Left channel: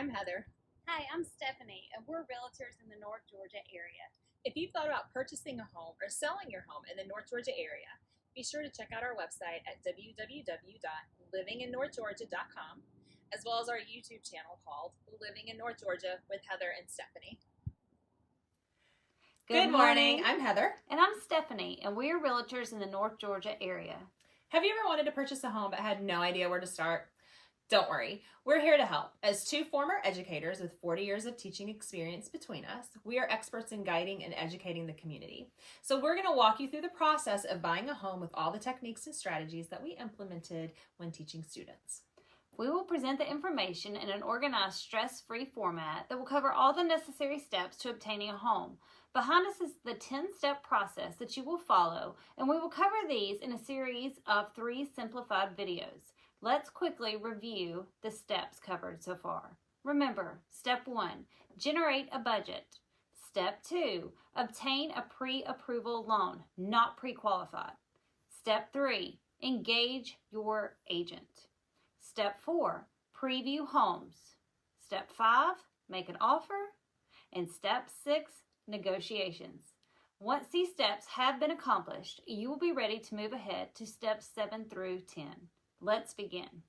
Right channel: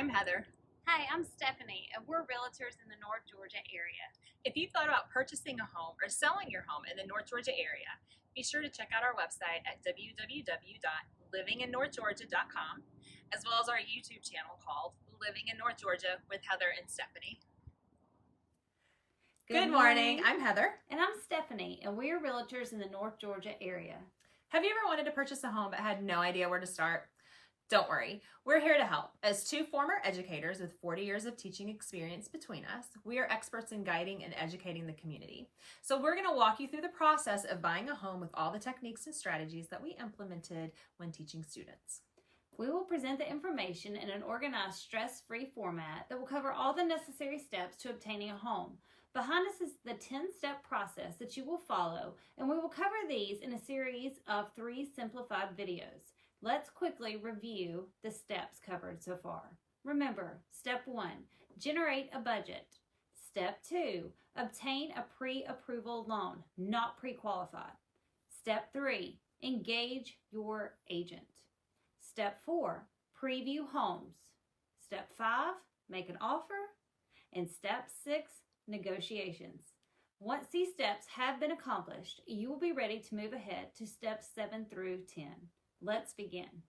I'm Heather. Hi, I'm Stephanie, and we're realtors in the North Georgia area. If you've thought about purchasing a home or selling your home in the North Georgia area, be sure to check out our website at www.livinginnorthgeorgia.com, as well as our YouTube channel called Living in North Georgia with Heather and Stephanie. Good morning. I'm Heather. And I'm Stephanie, and we are realtors in the North Georgia area. Have you ever wanted to purchase a home but had no idea where to start? Don't worry, we're here to help. As two former educators with 40 years of teaching experience between us, we are experts in guiding and educating the community. So we're going to walk you through the process of buying a home with all the techniques and strategies that we implemented when teaching students. We will present the information in an organized, stress-free format that will cover all the necessary steps to obtaining a home. Behind us is the 10-step process that you will follow, and we will cover these in a series of 3 simplified videos. Let's quickly review the steps covered so far. Remember, step 1, generate a budget. Step 2, obtain a pre-approval loan, not pre-qualified. Step 3, engage your agent. Step 4, preview homes. Step 5, make an offer. And step 6, negotiations. Once these steps have been accomplished, you will be ready to move ahead to steps 7 through 10. Let's begin.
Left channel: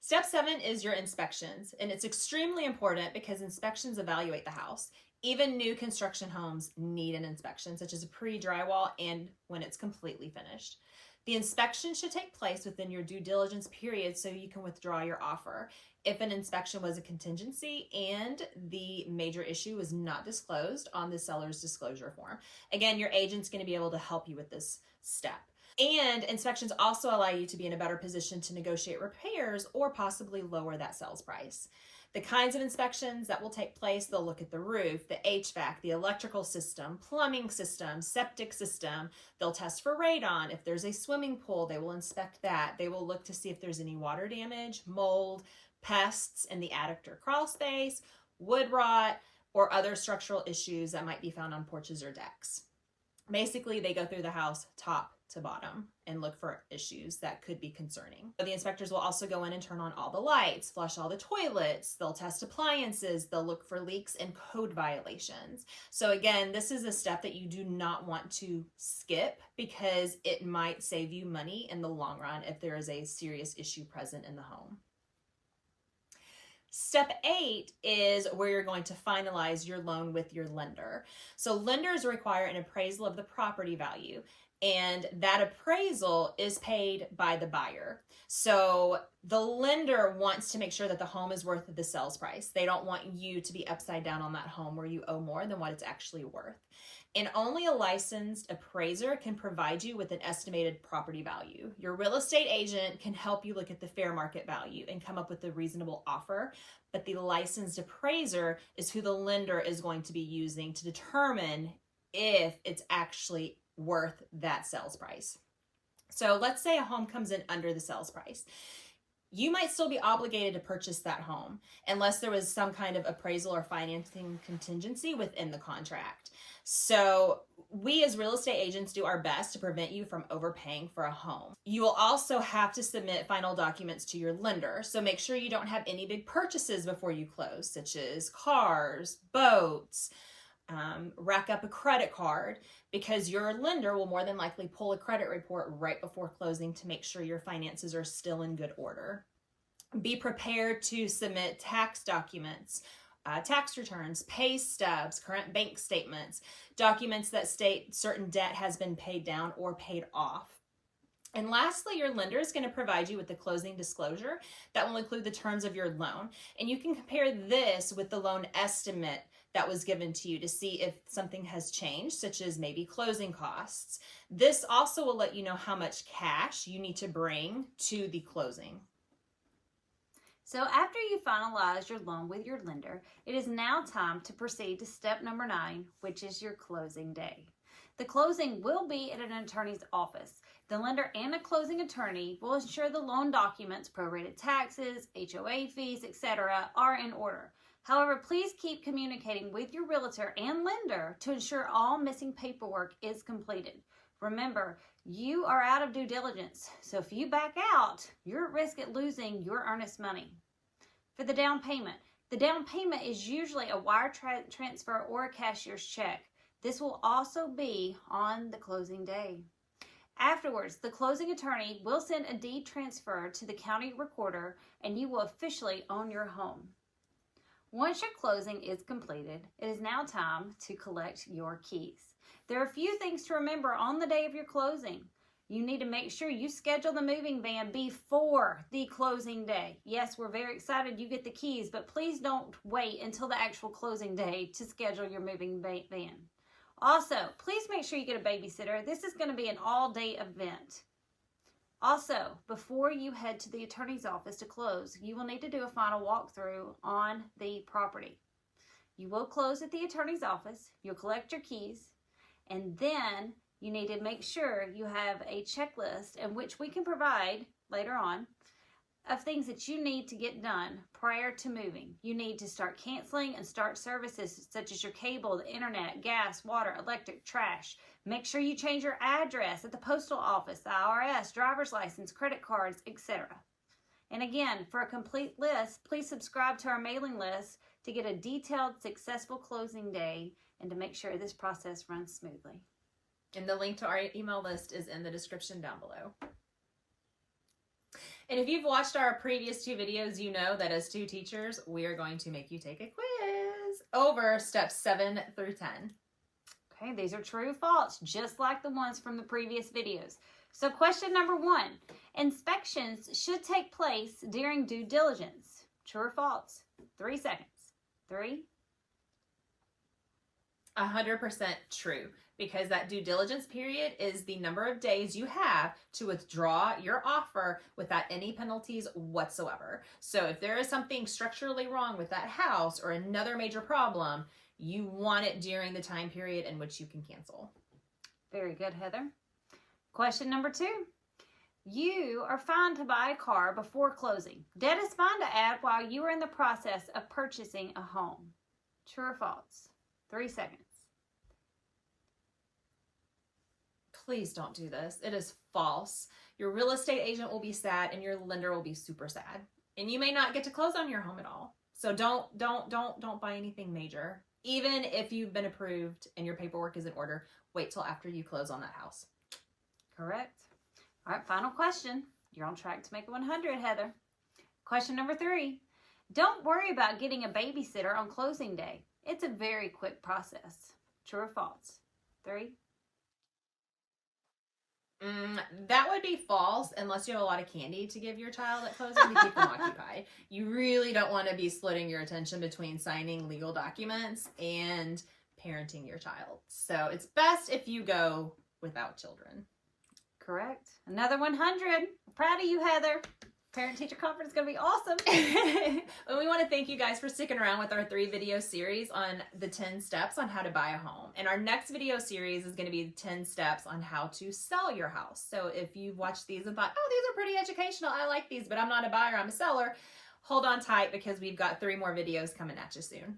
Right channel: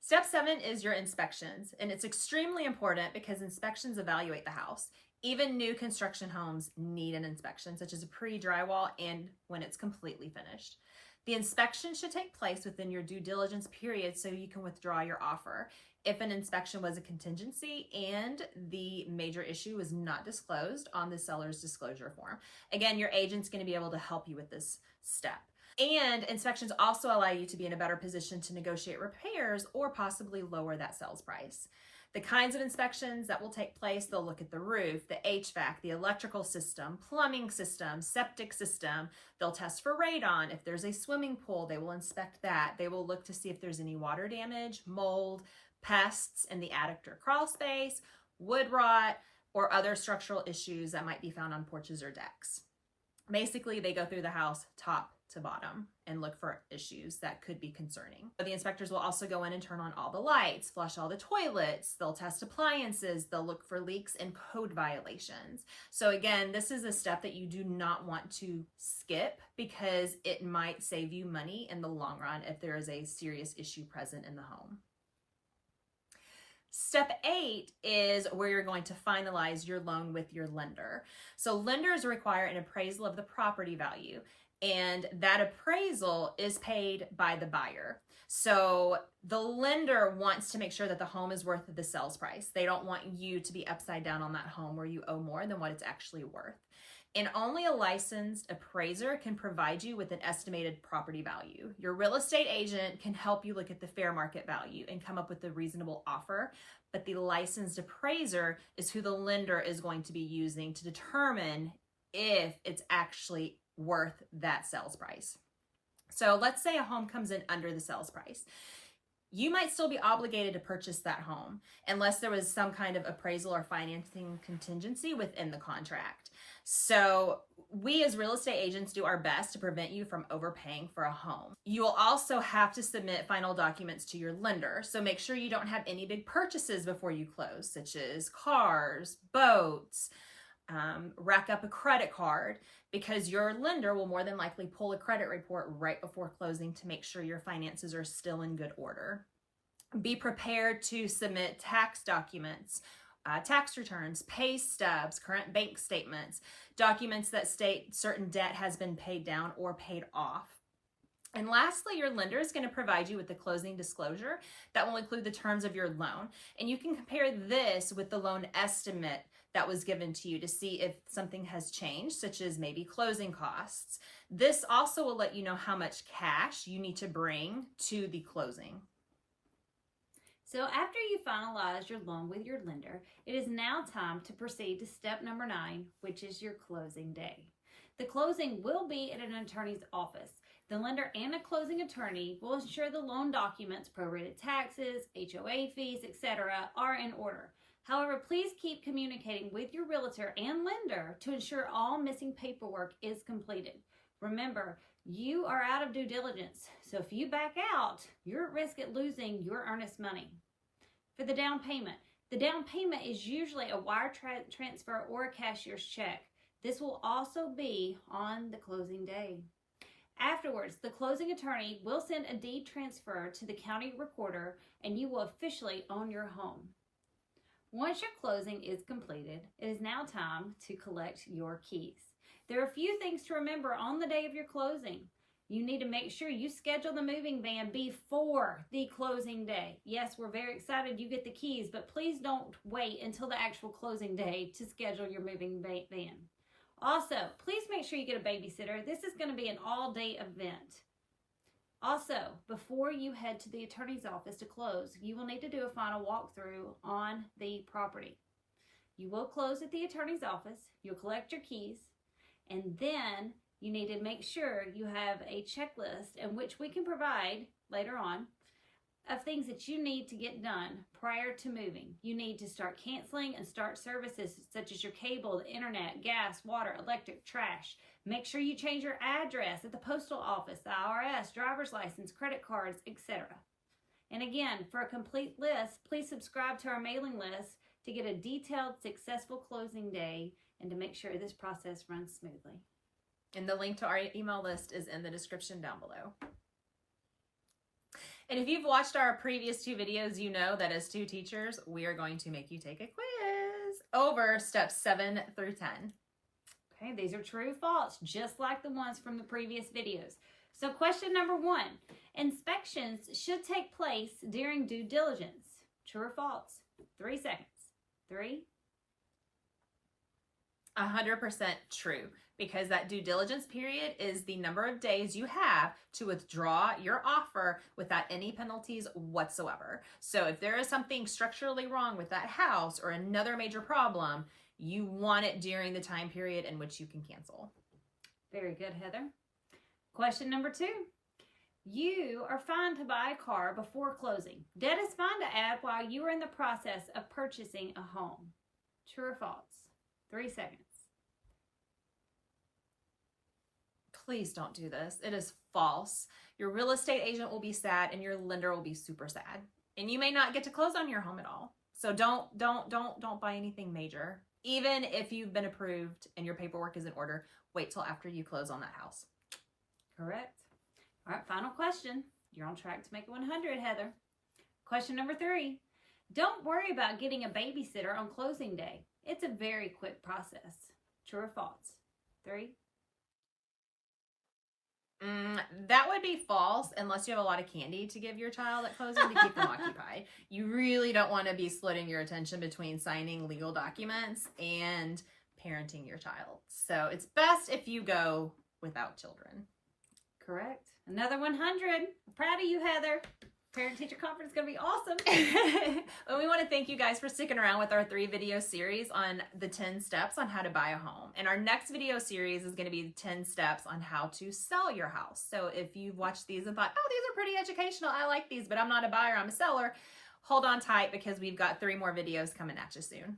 Step 7 is your inspections, and it's extremely important because inspections evaluate the house. Even new construction homes need an inspection, such as a pre-drywall and when it's completely finished. The inspection should take place within your due diligence period so you can withdraw your offer. If an inspection was a contingency and the major issue was not disclosed on the seller's disclosure form. Again, your agent's going to be able to help you with this step. And inspections also allow you to be in a better position to negotiate repairs or possibly lower that sales price. The kinds of inspections that will take place, they'll look at the roof, the HVAC, the electrical system, plumbing system, septic system. They'll test for radon. If there's a swimming pool, they will inspect that. They will look to see if there's any water damage, mold, pests in the attic or crawl space, wood rot, or other structural issues that might be found on porches or decks. Basically, they go through the house top to bottom and look for issues that could be concerning. The inspectors will also go in and turn on all the lights, flush all the toilets, they'll test appliances, they'll look for leaks and code violations. So again, this is a step that you do not want to skip because it might save you money in the long run if there is a serious issue present in the home. Step 8 is where you're going to finalize your loan with your lender. So lenders require an appraisal of the property value, and that appraisal is paid by the buyer. So the lender wants to make sure that the home is worth the sales price. They don't want you to be upside down on that home where you owe more than what it's actually worth. And only a licensed appraiser can provide you with an estimated property value. Your real estate agent can help you look at the fair market value and come up with a reasonable offer, but the licensed appraiser is who the lender is going to be using to determine if it's actually worth that sales price. So let's say a home comes in under the sales price. You might still be obligated to purchase that home unless there was some kind of appraisal or financing contingency within the contract. So we as real estate agents do our best to prevent you from overpaying for a home. You will also have to submit final documents to your lender. So make sure you don't have any big purchases before you close, such as cars, boats, rack up a credit card, because your lender will more than likely pull a credit report right before closing to make sure your finances are still in good order. Be prepared to submit tax documents, tax returns, pay stubs, current bank statements, documents that state certain debt has been paid down or paid off. And lastly, your lender is going to provide you with the closing disclosure that will include the terms of your loan. And you can compare this with the loan estimate that was given to you to see if something has changed, such as maybe closing costs. This also will let you know how much cash you need to bring to the closing. So after you finalize your loan with your lender, it is now time to proceed to step number 9, which is your closing day. The closing will be at an attorney's office. The lender and a closing attorney will ensure the loan documents, prorated taxes, HOA fees, etc. are in order. However, please keep communicating with your realtor and lender to ensure all missing paperwork is completed. Remember, you are out of due diligence, so if you back out, you're at risk at losing your earnest money. For the down payment. The down payment is usually a wire transfer or a cashier's check. This will also be on the closing day. Afterwards, the closing attorney will send a deed transfer to the county recorder and you will officially own your home. Once your closing is completed, it is now time to collect your keys. There are a few things to remember on the day of your closing. You need to make sure you schedule the moving van before the closing day. Yes, we're very excited you get the keys, but please don't wait until the actual closing day to schedule your moving van. Also, please make sure you get a babysitter. This is going to be an all-day event. Also, before you head to the attorney's office to close, you will need to do a final walkthrough on the property. You will close at the attorney's office. You'll collect your keys, and then you need to make sure you have a checklist, in which we can provide later on, of things that you need to get done prior to moving. You need to start canceling and start services such as your cable, the internet, gas, water, electric, trash. Make sure you change your address at the postal office, the IRS, driver's license, credit cards, etc. And again, for a complete list, please subscribe to our mailing list to get a detailed, successful closing day and to make sure this process runs smoothly. And the link to our email list is in the description down below. And if you've watched our previous 2 videos, you know that as 2 teachers, we are going to make you take a quiz over steps 7 through 10. Okay, these are true or false, just like the ones from the previous videos. So question number 1, inspections should take place during due diligence. True or false? 3 seconds. 3. 100% true, because that due diligence period is the number of days you have to withdraw your offer without any penalties whatsoever. So if there is something structurally wrong with that house or another major problem, you want it during the time period in which you can cancel. Very good, Heather. Question number 2. You are fine to buy a car before closing. Debt is fine to add while you are in the process of purchasing a home. True or false? 3 seconds. Please don't do this. It is false. Your real estate agent will be sad and your lender will be super sad. And you may not get to close on your home at all. So don't buy anything major. Even if you've been approved and your paperwork is in order, wait till after you close on that house. Correct. All right, final question. You're on track to make it 100, Heather. Question number 3. Don't worry about getting a babysitter on closing day. It's a very quick process. True or false? 3. That would be false unless you have a lot of candy to give your child at closing to keep them occupied. You really don't want to be splitting your attention between signing legal documents and parenting your child. So it's best if you go without children. Correct. Another 100. I'm proud of you, Heather. Parent-teacher conference is going to be awesome. And we want to thank you guys for sticking around with our 3-video series on the 10 steps on how to buy a home. And our next video series is going to be 10 steps on how to sell your house. So if you've watched these and thought, oh, these are pretty educational, I like these, but I'm not a buyer, I'm a seller, hold on tight because we've got 3 more videos coming at you soon.